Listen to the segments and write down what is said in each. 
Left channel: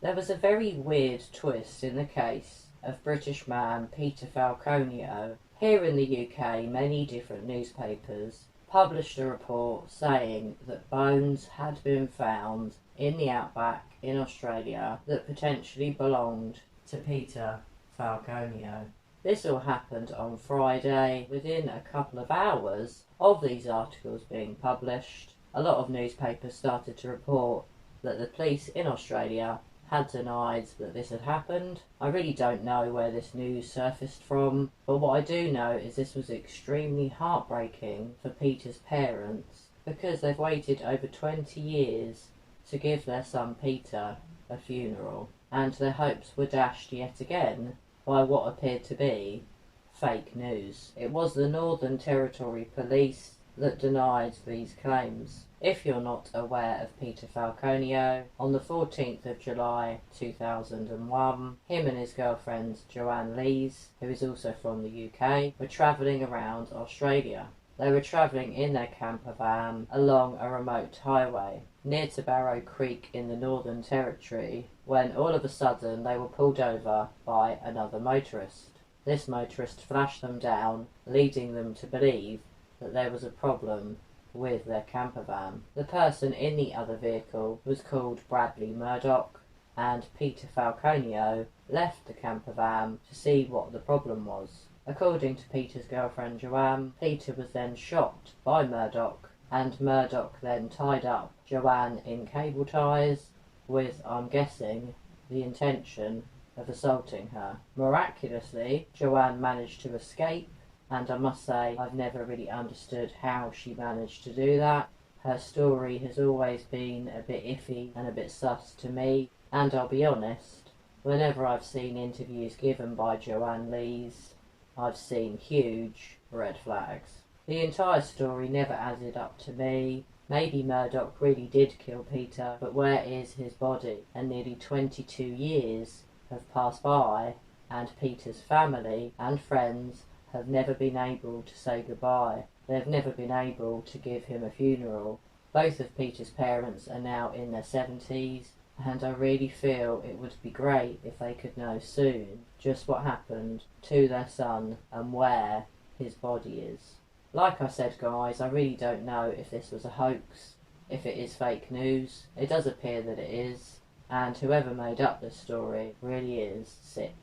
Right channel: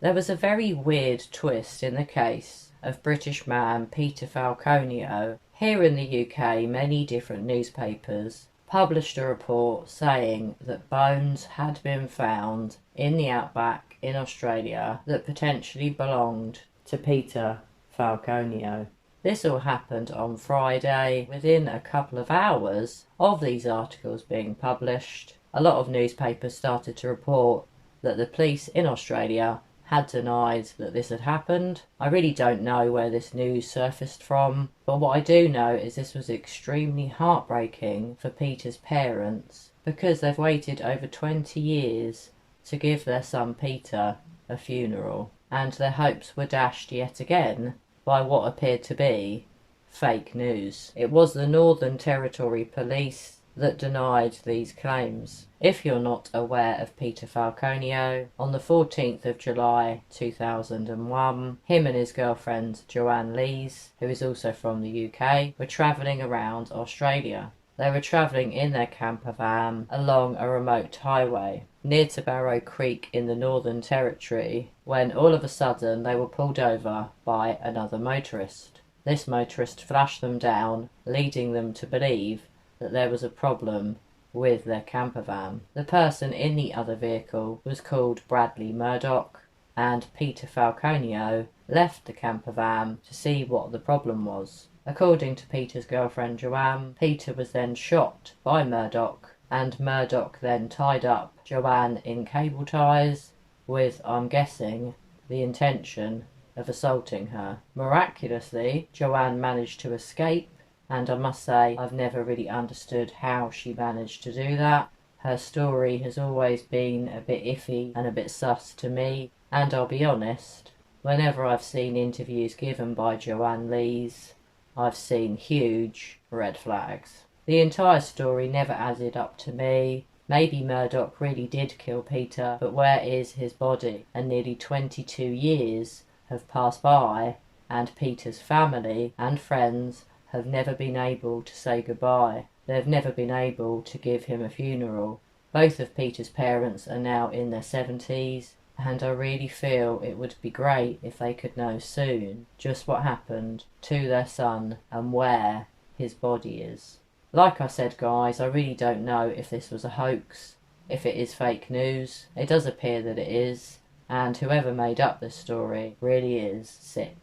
There was a very weird twist in the case of British man Peter Falconio. Here in the UK, many different newspapers published a report saying that bones had been found in the outback in Australia that potentially belonged to Peter Falconio. This all happened on Friday. Within a couple of hours of these articles being published, a lot of newspapers started to report that the police in Australia had denied that this had happened. I really don't know where this news surfaced from, but what I do know is this was extremely heartbreaking for Peter's parents because they've waited over 20 years to give their son Peter a funeral, and their hopes were dashed yet again by what appeared to be fake news. It was the Northern Territory Police that denied these claims. If you're not aware of Peter Falconio, on the 14th of July 2001, him and his girlfriend Joanne Lees, who is also from the UK, were travelling around Australia. They were travelling in their camper van along a remote highway near to Barrow Creek in the Northern Territory when all of a sudden they were pulled over by another motorist. This motorist flashed them down, leading them to believe that there was a problem with their camper van. The person in the other vehicle was called Bradley Murdoch, and Peter Falconio left the camper van to see what the problem was. According to Peter's girlfriend Joanne, Peter was then shot by Murdoch, and Murdoch then tied up Joanne in cable ties with, I'm guessing, the intention of assaulting her. Miraculously, Joanne managed to escape, and I must say I've never really understood how she managed to do that. Her story has always been a bit iffy and a bit sus to me, and I'll be honest, whenever I've seen interviews given by Joanne Lees, I've seen huge red flags. The entire story never added up to me. Maybe Murdoch really did kill Peter, but where is his body? And nearly 22 years have passed by, and Peter's family and friends have never been able to say goodbye. They've never been able to give him a funeral. Both of Peter's parents are now in their 70s, and I really feel it would be great if they could know soon just what happened to their son and where his body is. Like I said, guys, I really don't know if this was a hoax, if it is fake news. It does appear that it is, and whoever made up this story really is sick.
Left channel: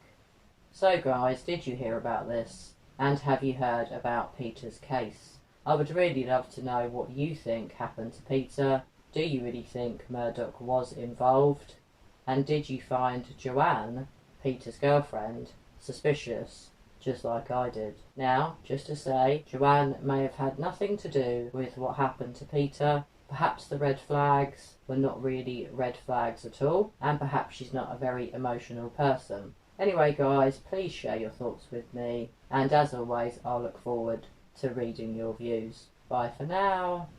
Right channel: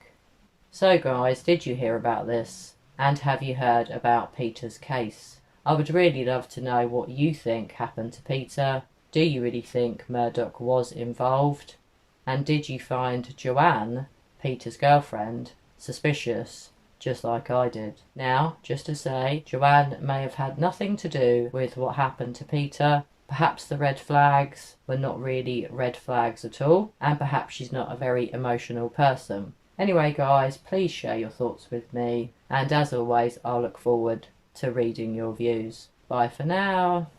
So guys, did you hear about this? And have you heard about Peter's case? I would really love to know what you think happened to Peter. Do you really think Murdoch was involved? And did you find Joanne, Peter's girlfriend, suspicious, just like I did? Now, just to say, Joanne may have had nothing to do with what happened to Peter. Perhaps the red flags were not really red flags at all, and perhaps she's not a very emotional person. Anyway guys, please share your thoughts with me, and as always I'll look forward to reading your views. Bye for now.